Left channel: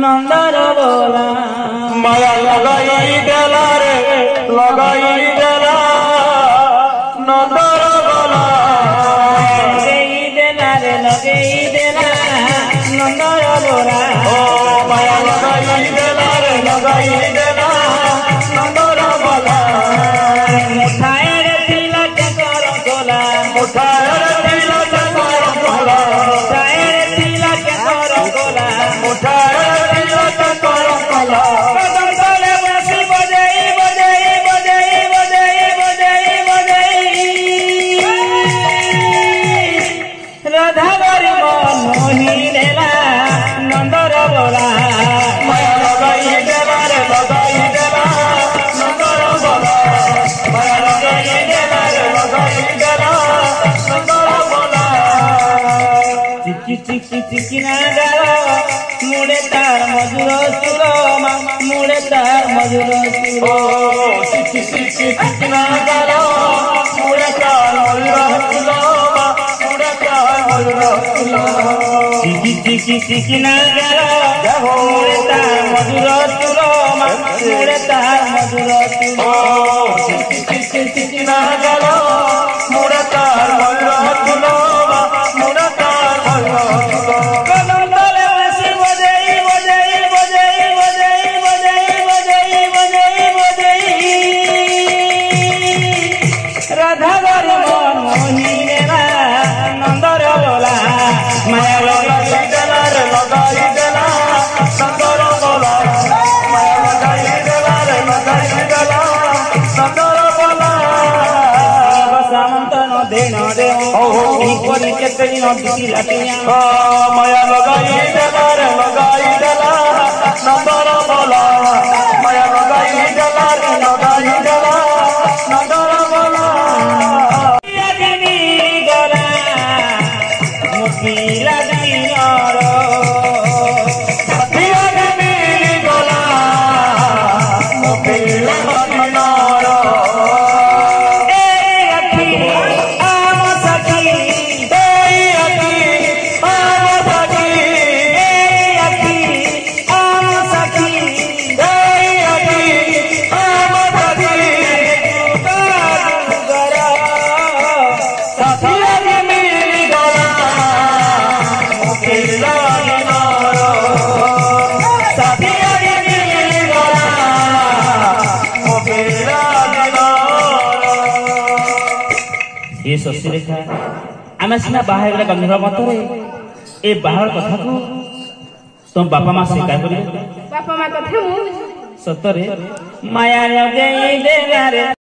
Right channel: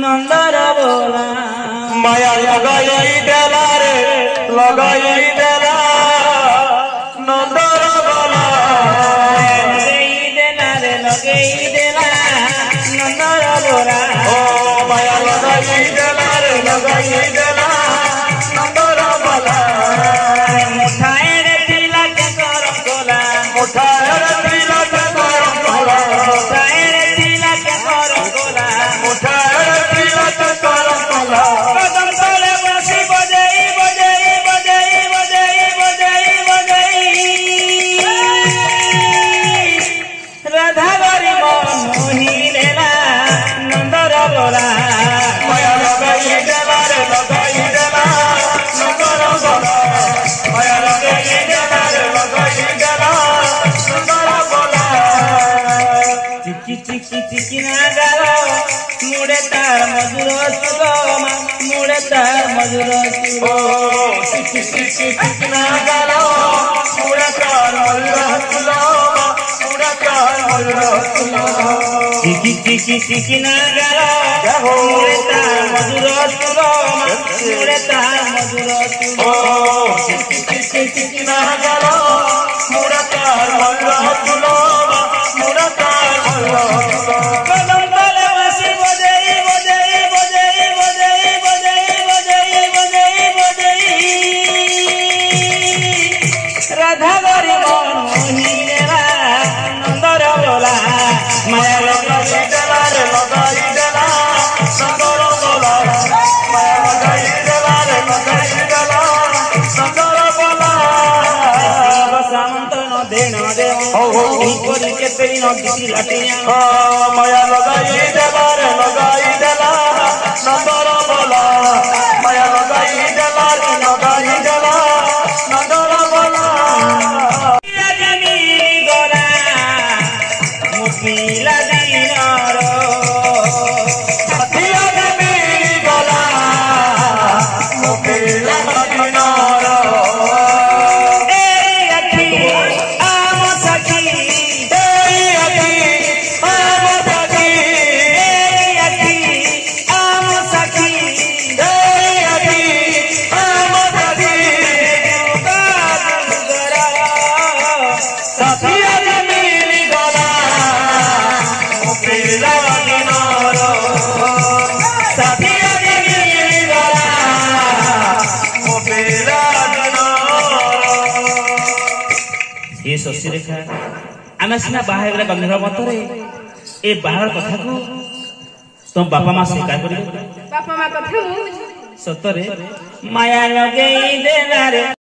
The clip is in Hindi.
नंदर बोला माया लगाई देला रे लगाई देला नंदर बोला लगई देला रे लगई देला नंदर बोला ओ माया लगाई देला रे लगाई देला नंदर बोला मुठाए रे तिला चकर कोला मुठाए रे तिला चकर कोला मुठाए रे तिला चकर कोला मुठाए रे तिला चकर कोला कदम तले बसी बजई बजई बजई बजई बजई बजई राधा गरी मन मोही लेला नंदर बोला माया लगाई देला रे लगाई देला नंदर बोला माया लगाई देला रे लगाई देला नंदर बोला चिकी चिकी चिकी ना गावा मुड़े तार मधुर सुगम मुड़े तार मधुर ओ चिकी चिकी चिकी ना गालो मुड़ा कार मधुर सुलोमा मुड़ा कार मधुर सुलोमा चिकी चिकी चिकी ना गावा मुड़े तार मधुर सुगम मुड़े तार मधुर ओ चिकी चिकी चिकी ना गालो मुड़ा कार मधुर सुलोमा मुड़ा कार मधुर सुलोमा कदम तले बसी बजई बजई बजई बजई बजई बजई बजई बजई राधा गरी मन मोही लेला नंदर बोला माया लगाई देला रे लगाई देला नंदर बोला माया लगाई देला रे लगाई देला नंदर बोला सामंत न देन देव के पेड़ी न दिखी लाटिया माया लगाई देला रे लगाई देला नंदर बोला माया लगाई देला रे लगाई देला नंदर बोला गला मुखिला दीनार हिया रे मेरी गला मुखिला मनार आम सखी आम सखी ये शशि रेखा आम सीना बाहर गंधर्व मतरे ए बाहर कथा को तुम बापा माँ स्वीकार कर बापा माँ कथा सतरे माया लगे देला रे।